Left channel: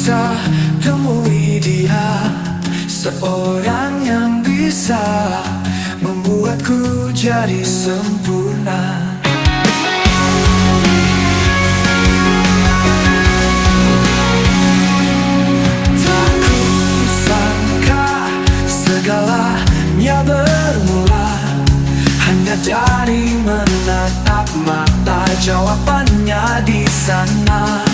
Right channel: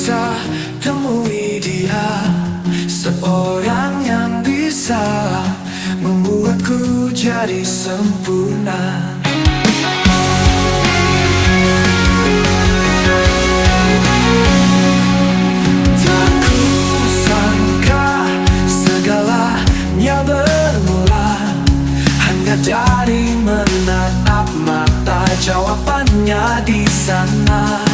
bisa temui dia, seorang yang bisa membuatku jadi sempurna. Tak kusangka segalanya bermula hanya dari menatap mata, jawabannya di sana.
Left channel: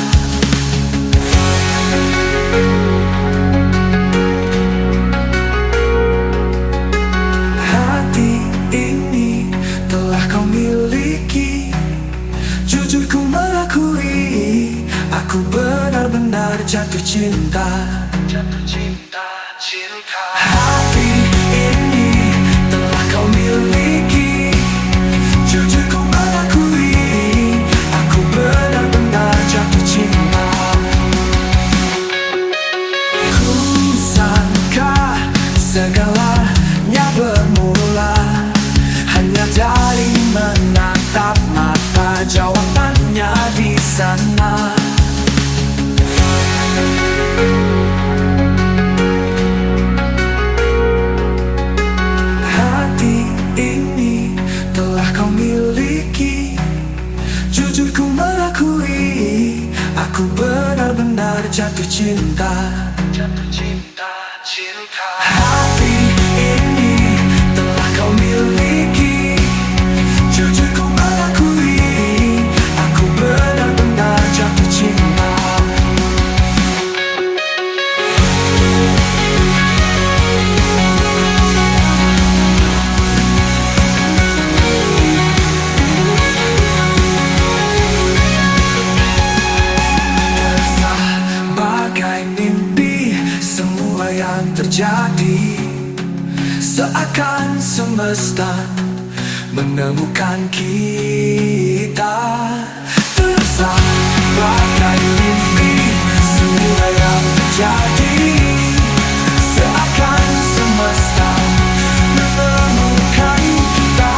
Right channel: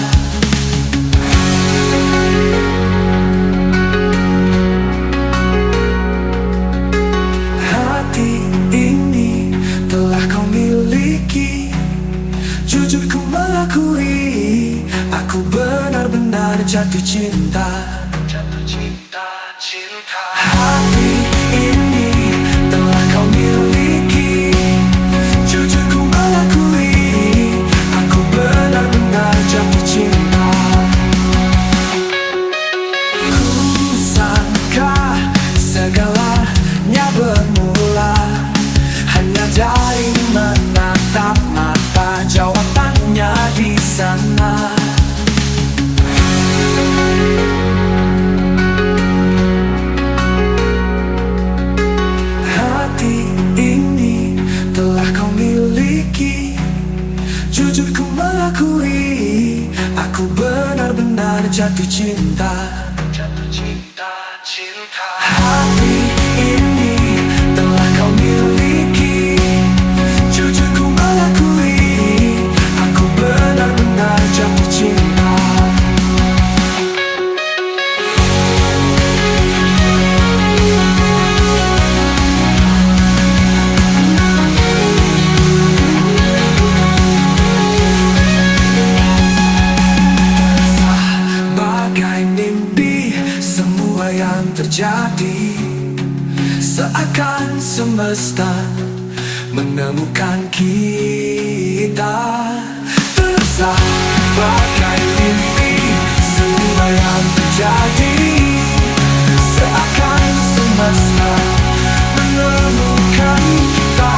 Hati ini telah kau miliki, jujur ku mengakui, aku benar-benar jatuh cinta. Jatuh cinta, cinta. Hati ini telah kau miliki, jujur ku mengakui, aku benar-benar jatuh cinta. Ku sangka segalanya bermula hanya dari menatap mata, jawabannya di sana. Hati ini telah kau miliki, jujur ku mengakui, aku benar-benar jatuh cinta. Jatuh cinta, cinta. Hati ini telah kau miliki, jujur ku mengakui, aku benar-benar jatuh cinta. Bagai mimpi semua yang terjadi, seakan semesta menemukan kita. Terasa bagai mimpi semua yang terjadi, seakan semesta menemukan kita.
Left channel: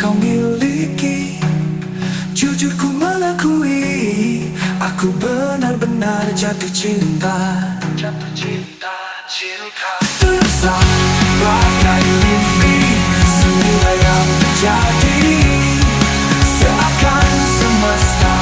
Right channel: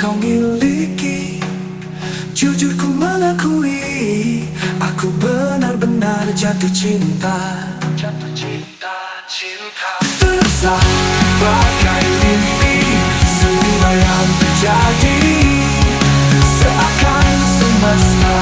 Kau miliki, jujur ku mengakui, aku benar-benar jatuh cinta. Jatuh cinta, cinta. Terasa bagai mimpi semua yang terjadi, seakan semesta